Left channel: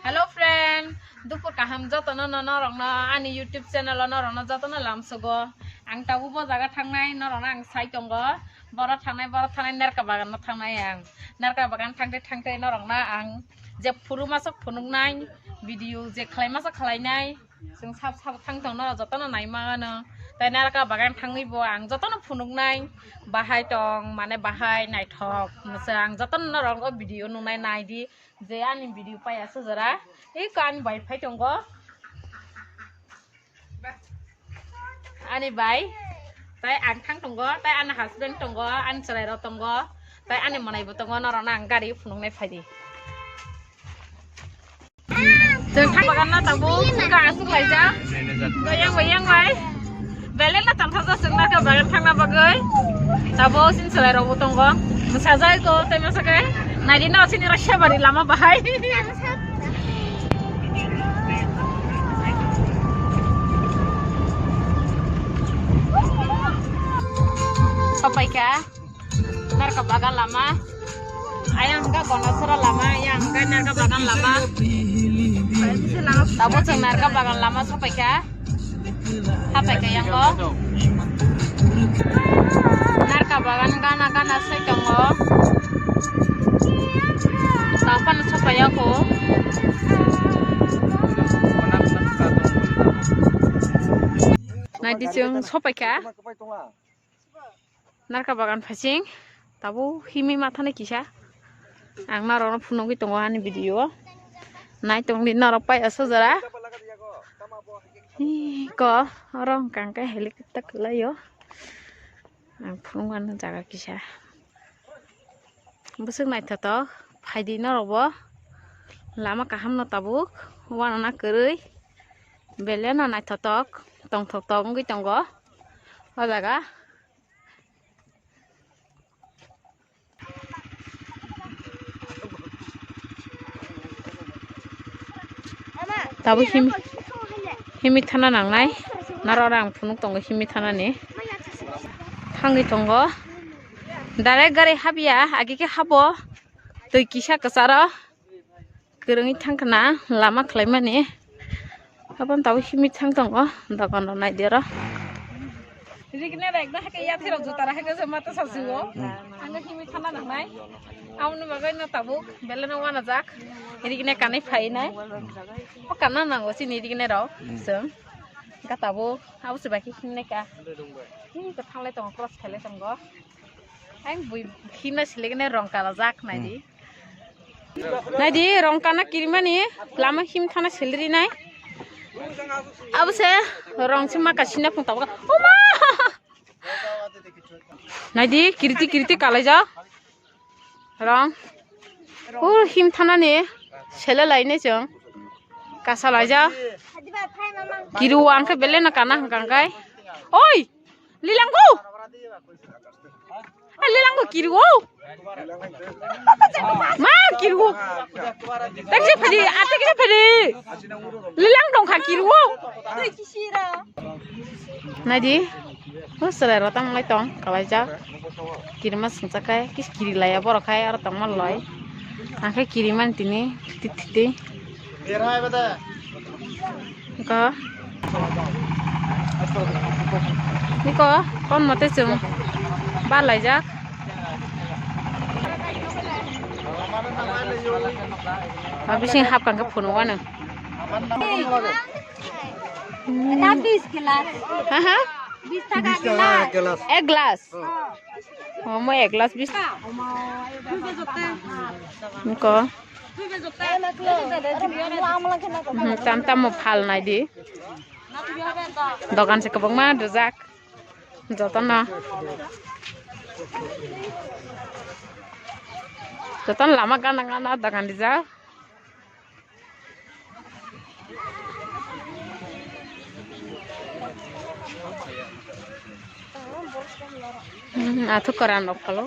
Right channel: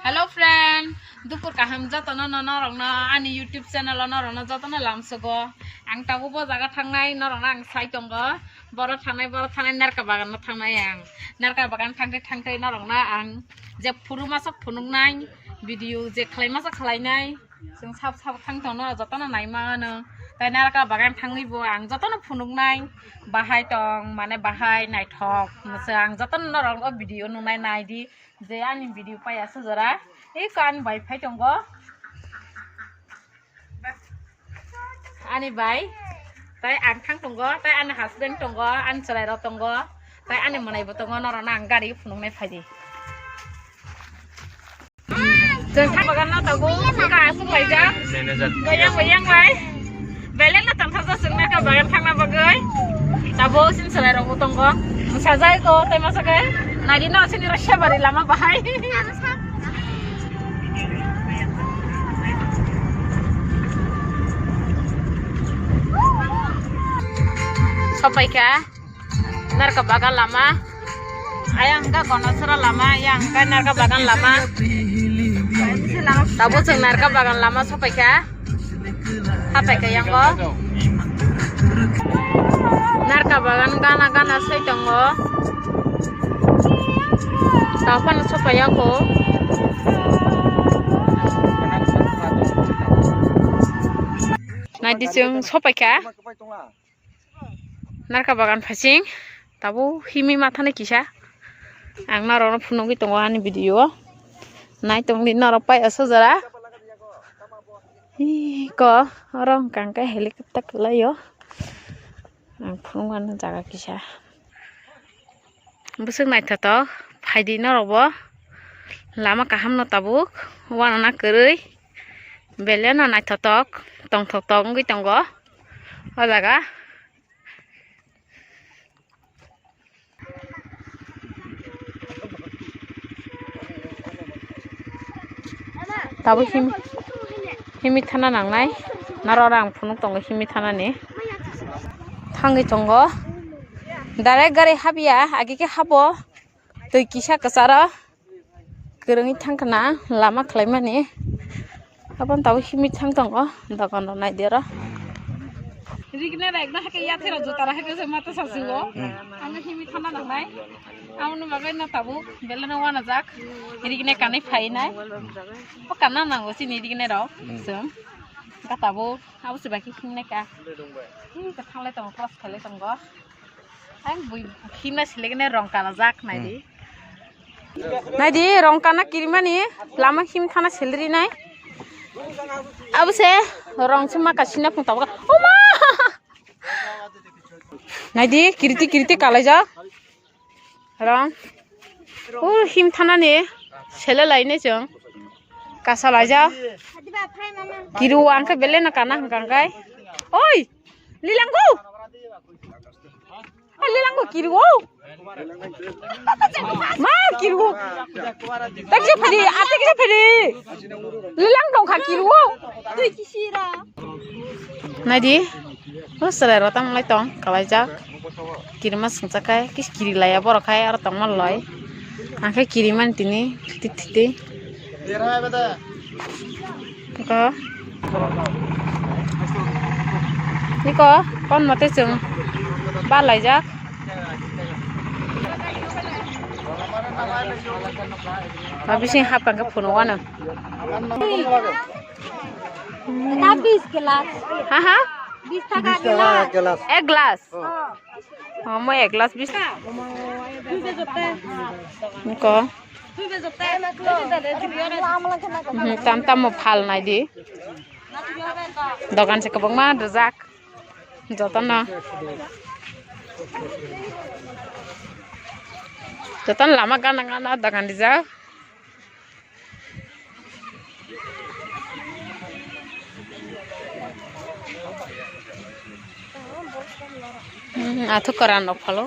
Hello friend, dupur kaham jatana norongna ani YouTube channel norongna jatana lamsugo. Ang tabu bo jaga thangnai norongna ang sai tongo. Boro thangnai nerka bagan thangnai ang. Nerka bagan thangtai norongna ang je phuru masok phunungnai video je khlai masok khlainai जों साब थांथावनो जतन नायमानो ताय नारका बागान थाङैबो आं जतन फुनुंनाय बाहाय दं माने बाहाय नायथक नोंसोर आं जतन नरंग भिडिअ नुनाय नायदि जे आंनि भिडिअ पायासो जरा ए कान वाइफाइ दंग आनि बाय ताय आं थां दंग ताय आंनि हासबेन्ड दंग आं चलायरो दंग ताय आंनि मनायबो दंग नरना आं गारि फुनुंनाय फायदि जों थांबागान ना ताबो गासो फायजा गोयां बाय बेलेन ना थांथाजा जोंना का बागान थांना बागै ताबो सिन सलाय रंगो दंग साजाय को ताय मासगै नायदि ना सिनि रसिया बारि लामा बाहाय सपायका नारका बागान Lama ayang ka konosura lama yang ka narka bagan lama tabo जों narka bagan lama sampai ka yang go narka bagan gana sai tongo tapan sampai aku nanti जों sampai ka narka bagan fasing tabo himi matane kisah ang narono phunungi tongo ani video nai tongli narok pai aso jara ko rong kangka helicopter kelayo ang phunungan jaga kisa busuk nai thato phaidi narobo lama kaham no tabuk wana na kerui belena nai thatok tong ngi tongo o jaga tabu himi thana nangnai narora ang phunuk tongo himi thana ni thangi tongo direct gari habia agi ke habo tui kisa kasara kerungi thangkana lama khlaimani abon tabu himi thang tongo dokan nai dera rigne ekna hake ya thero jotara hake je mata sarsigo ang himi thana nangnai amno bagai na tabu belena wana jak rigne kanai phainai o kana nango sini rigne ro sung ka tabu abu sebaki himne ka ka thanglai tong cross khalai tongo ang bui himna silegne rong kana jak naidi rong kana kirimani lama him thana selri nai abu se rong sima kasina phung tabu oma naidi kirti kalai ja rong him thana ni sele laine jong kasa laja kiru angke bele na kana hangkai oi lilanggo kiru ma kiru takje phadi ate ke phadi lilang dong kha kiru nadi sele rotang lai tong kalai ja kirima sungsakai kis kiri laya borokai ar tong maloi angke kiriman tini titi niko kon mate jung ba lai jak habising hap kan ke phuno wana 20 गिलास ha 20 টাকা गिलास एक glass mo ek glass 20 niko tam mo phal nai di dogan se kabang ma dojak jotan lama gana dogan di ja athuk koran no phalo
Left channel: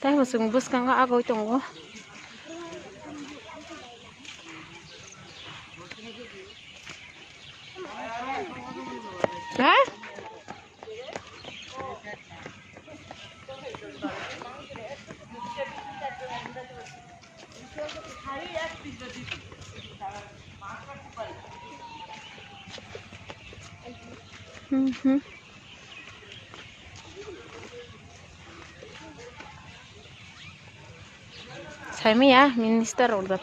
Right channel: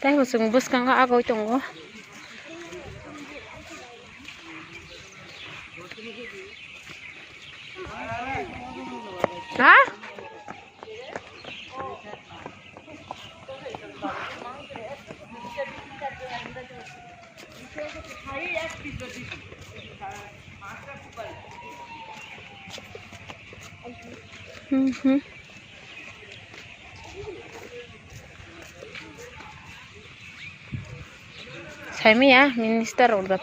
tai hosung bus kang agoi tongo Ha? Saya ya minister udah.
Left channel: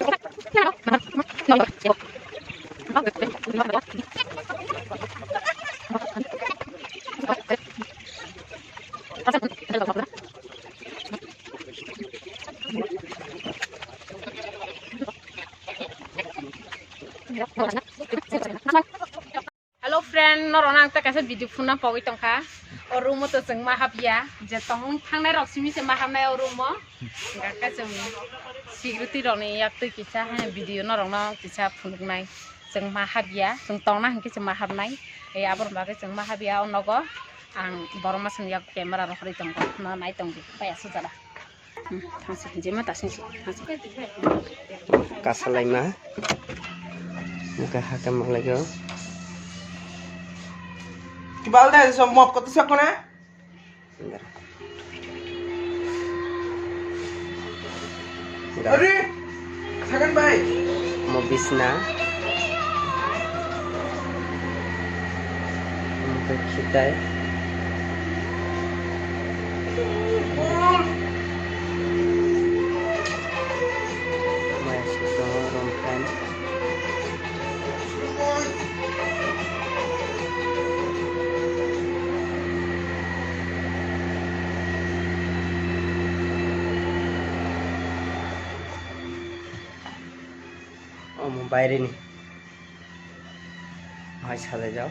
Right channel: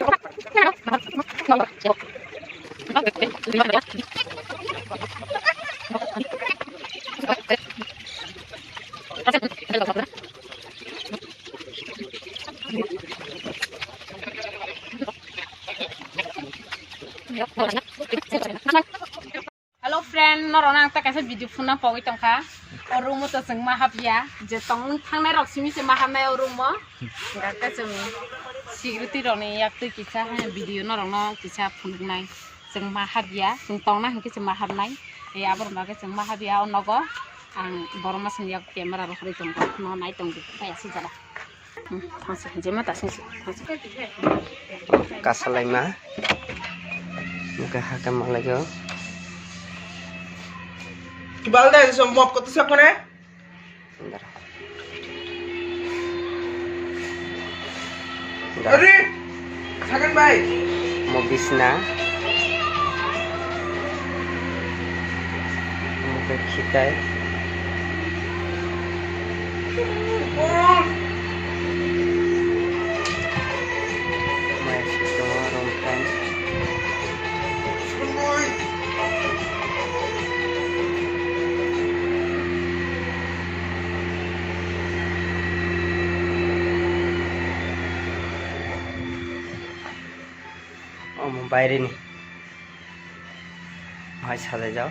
Hello friend, norong ta kasih video phone na pawai tongka. Orang mu tu jeng mahab ya, jetong thang nai rok sini se mahab nai orang mu. Enggak ka jeng security rok ni yak tu kisah video norong no kisah phone nai. Jeng mahab ya, jeng tong na hingke jeng mahab nai. Ya abor bagai jeng mahab ya onogo. Ang borong mas yak kamera rok ri tongka. Ma nai tong di pa asu jara. Thangsi jema ta singsi. Kasalai mah. Muka hakam malago. Kibal deh semua kota siapa nih? Adi, sakan baik. Mau bisna. Muka kita. Masih semua romkan. বাইরে নি ভাই সাথে যাও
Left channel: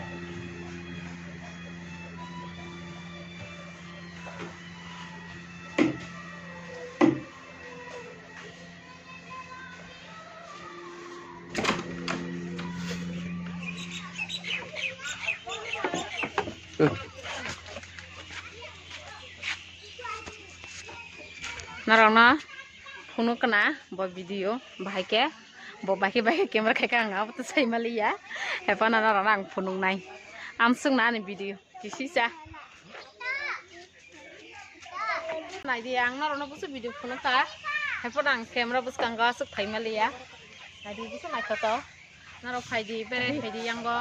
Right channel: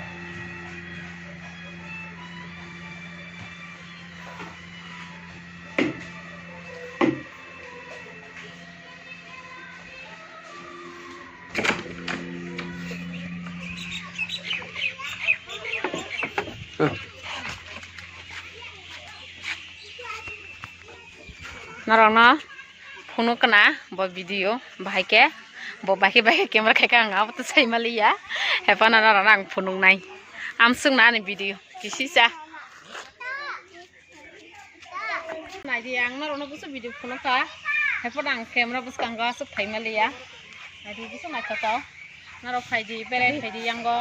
Narana phone kena buat video bahai ke bo baki kamera kayak ngap tuh saya malia hepan narana phone nai amsung na ni video kisi sa nai di ang narana busu video phone ka hepan kamera bus kangga suk thai malia nai di busu nai kata naro phai di bere phai di yang go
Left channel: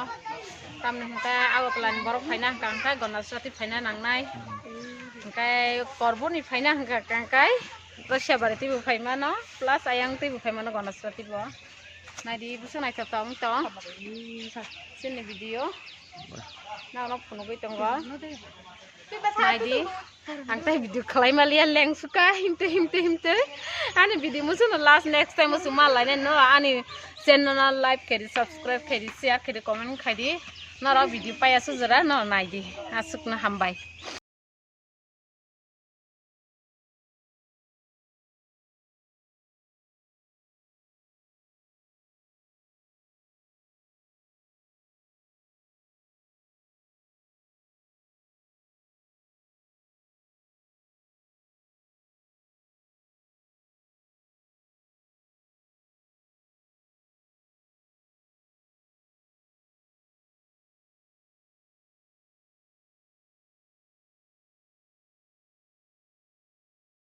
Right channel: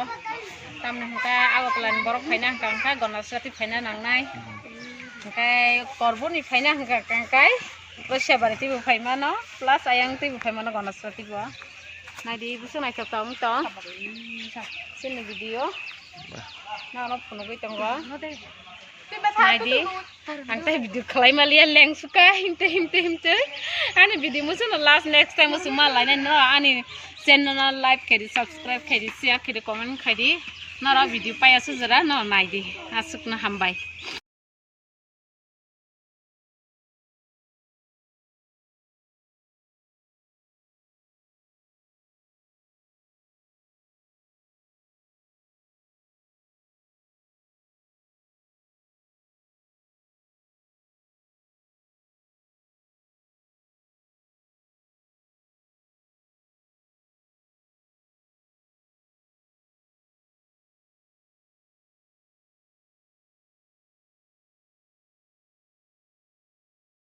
tam nang ka aw plan borok phai nang kangka gonar sati phai na nang nai kai korbo ni phai nang ka kangkai Russia berarti bukan mana, plus ayang tu bukan mana gonas berarti buah. Nah di busuk naik ketong tong, sini video. Nah orang pun gue tunggu. Nah di, angkat video kelai malia leng suka hinte. Ane video musuh last next time musuh malah no ane channel like kiri subscribe kiri share kiri comment kiri. Nara video payah sejara no nah di asuk na hambai.